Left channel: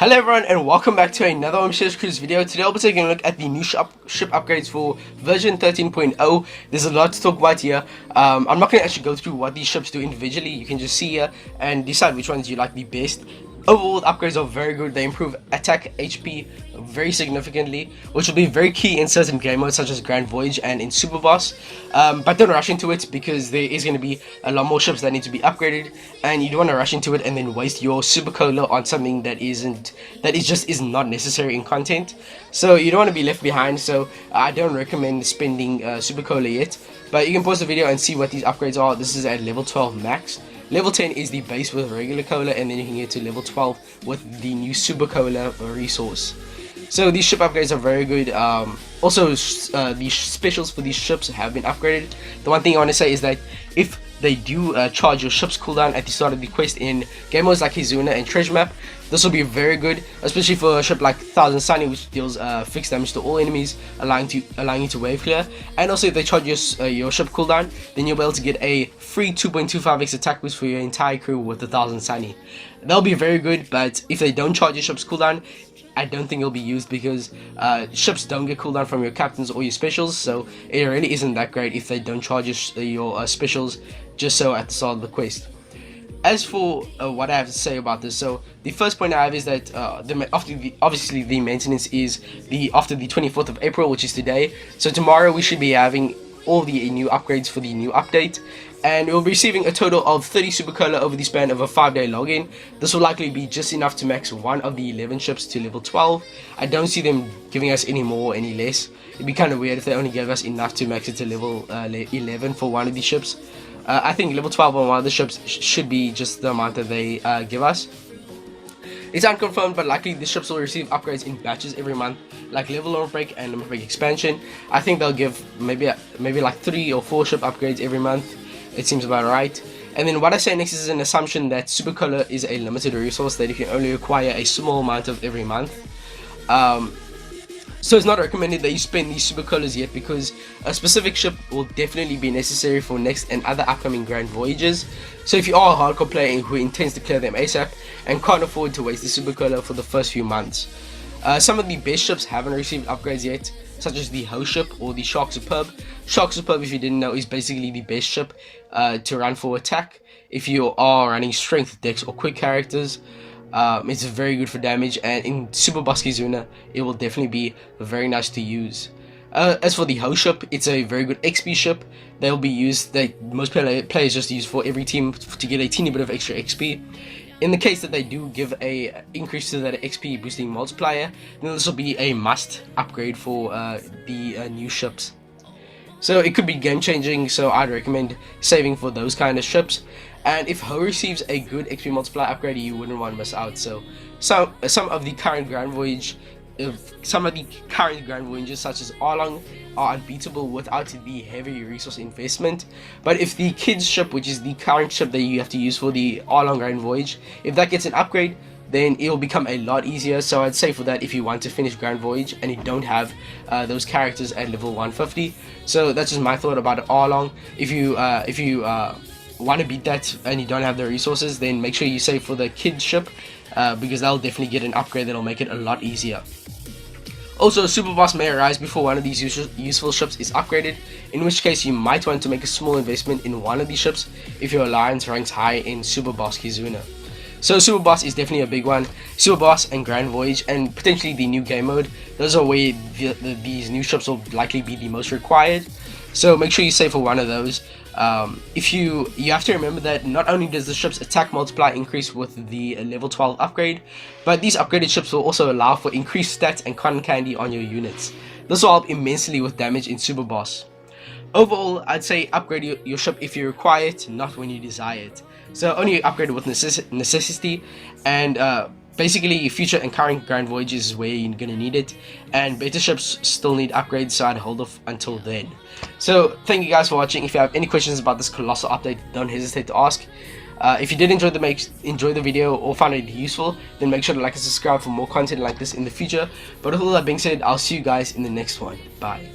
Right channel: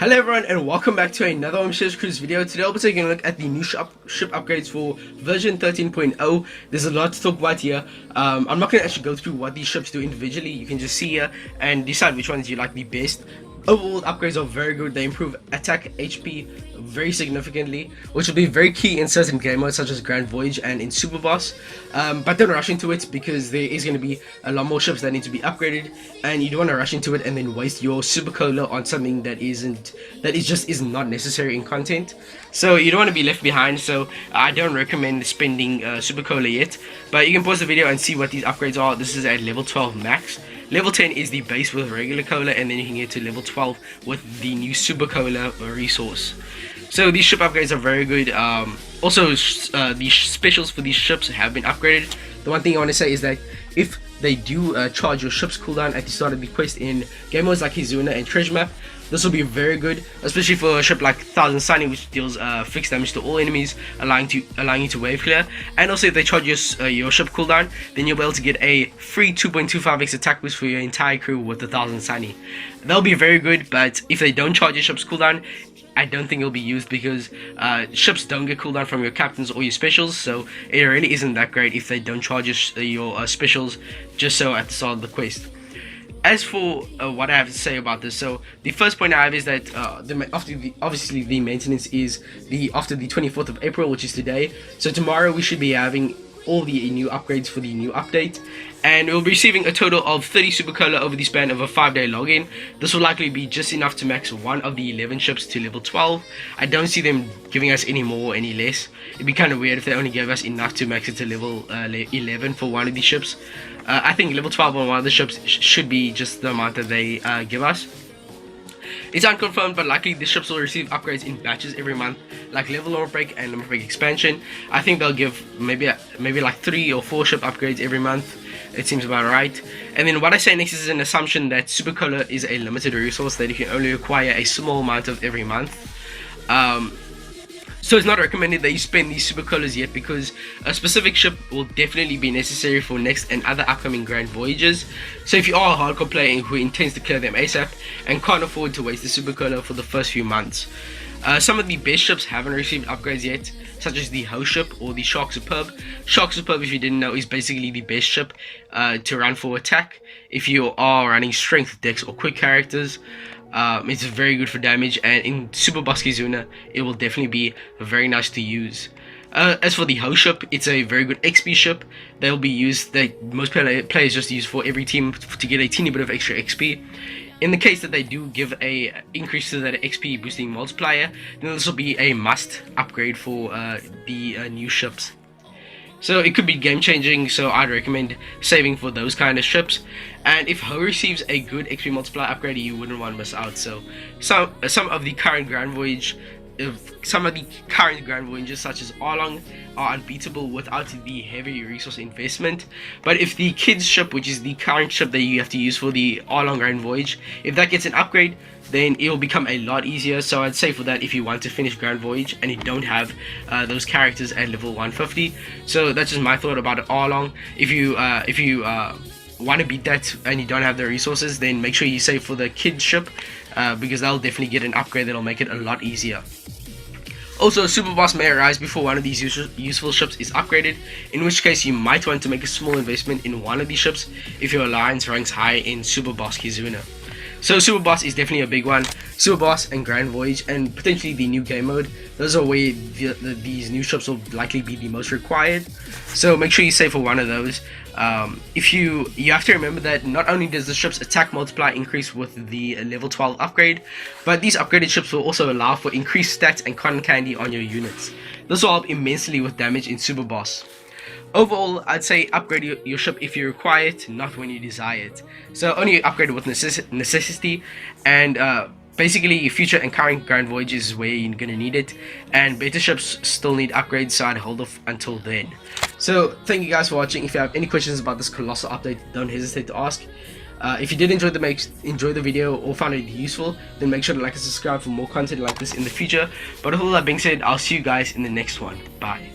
Hello everyone and welcome back to another Ambitious Cruise video. Today I'll be taking a look at the new ship upgrades for version 13.0. There's a lot to talk about here. I'm not going to actually go through what these ships do individually. You can just see here and decide which ones you like the best. Overall, the upgrades are very good. They improve attack HP very significantly, which will be very key in certain game modes such as Grand Voyage and in Super Boss. But don't rush into it because there is going to be a lot more ships that need to be upgraded, and you don't want to rush into it and then waste your Supercolor on something that is not necessary in content. So you don't want to be left behind. So I don't recommend spending Supercolor yet, but you can pause the video and see what these upgrades are. This is at level 12 max. Level 10 is the base with regular cola, and then you can get to level 12 with the new Supercolor resource. So these ship upgrades are very good. Also, the specials for these ships have been upgraded. The one thing I want to say is that if they do charge your ship's cooldown at the start of the quest in game modes like Hizuna and Treasure Map, this will be very good, especially for a ship like 1000 Sunny, which deals fixed damage to all enemies, allowing you to wave clear. And also, if they charge your ship cooldown, then you'll be able to get a free 2.25x attack boost for your entire crew with the 1000 Sunny. That'll be very good, but if they don't charge your ship's cooldown, I don't think it'll be used because ships don't get cooldown from your captains or your specials, so it really isn't that great if they don't charge your specials just so at the start of the quest. As for what I have to say about this, so the first point I have is that obviously the maintenance is after the 24th of April, which is today. So tomorrow we should be having all the new upgrades for the new update, and we'll be receiving a total of 30 Supercolor over the span of a 5-day login. This will likely be just enough to max one of the 11 ships to level 12. I don't see them giving us any more or any less. It'd be kind of weird if they only gave us enough to max it to level 11 for one of these ships. I think level 12 on one of the ships should be just the amount that they give us. It's unconfirmed, but likely the ships will receive upgrades in batches every month, like level limit break and limit break expansion. I think they'll give maybe like 3 or 4 ship upgrades every month. It seems about right. And then what I say next is an assumption that Supercolor is a limited resource that you can only acquire a small amount of every month. So it's not recommended that you spend these Supercolors yet, because a specific ship will definitely be necessary for next and other upcoming Grand Voyages. So if you are a hardcore player who intends to clear them ASAP and can't afford to waste the Supercolor for the first few months, some of the best ships haven't received upgrades yet, such as the Ho ship or the Shark Superb. Shark Superb, if you didn't know, is basically the best ship to run for attack if you are running strength, dex or quick characters. It's very good for damage, and in Super Boss Hizuna it will definitely be very nice to use. As for the Ho ship, it's a very good XP ship that will be used, that most players just use for every team to get a teeny bit of extra XP. In the case that they do give a increase to that XP boosting multiplier, then this will be a must upgrade for the new ships. So it could be game changing, so I'd recommend saving for those kind of ships. And if Ho receives a good XP multiplier upgrade, you wouldn't want to miss out. So some of the current Grand Voyages such as Arlong are unbeatable without the heavy resource investment. But if the kids ship, which is the current ship that you have to use for the Arlong Grand Voyage, if that gets an upgrade, then it'll become a lot easier. So I'd say for that, if you want to finish Grand Voyage and you don't have those characters at level 150. So that's just my thought about Arlong. If you want to beat that and you don't have the resources, then make sure you save for the kids ship, because that'll definitely get an upgrade that'll make it a lot easier. Also, Super Boss may arise before one of these useful ships is upgraded, in which case you might want to make a small investment in one of these ships if your alliance ranks high in Super Boss Hizuna. So Super Boss is definitely a big one. Super Boss and Grand Voyage, and potentially the new game mode, those are where these new ships will likely be the most required. So make sure you save for one of those. You have to remember that not only does the ship's attack multiplier increase with the level 12 upgrade, but these upgraded ships will also allow for increased stats and cotton candy on your units. This will help immensely with damage in Super Boss. Overall, I'd say upgrade your ship if you require it, not when you desire it. So only upgrade it with necessity, and basically future and current Grand Voyages is where you're gonna need it, and beta ships still need upgrades, so I'd hold off until then. So thank you guys for watching. If you have any questions about this colossal update, don't hesitate to ask. If you did enjoy the video or found it useful, then make sure to like and subscribe for more content like this in the future. But with all that being said, I'll see you guys in the next one. Bye.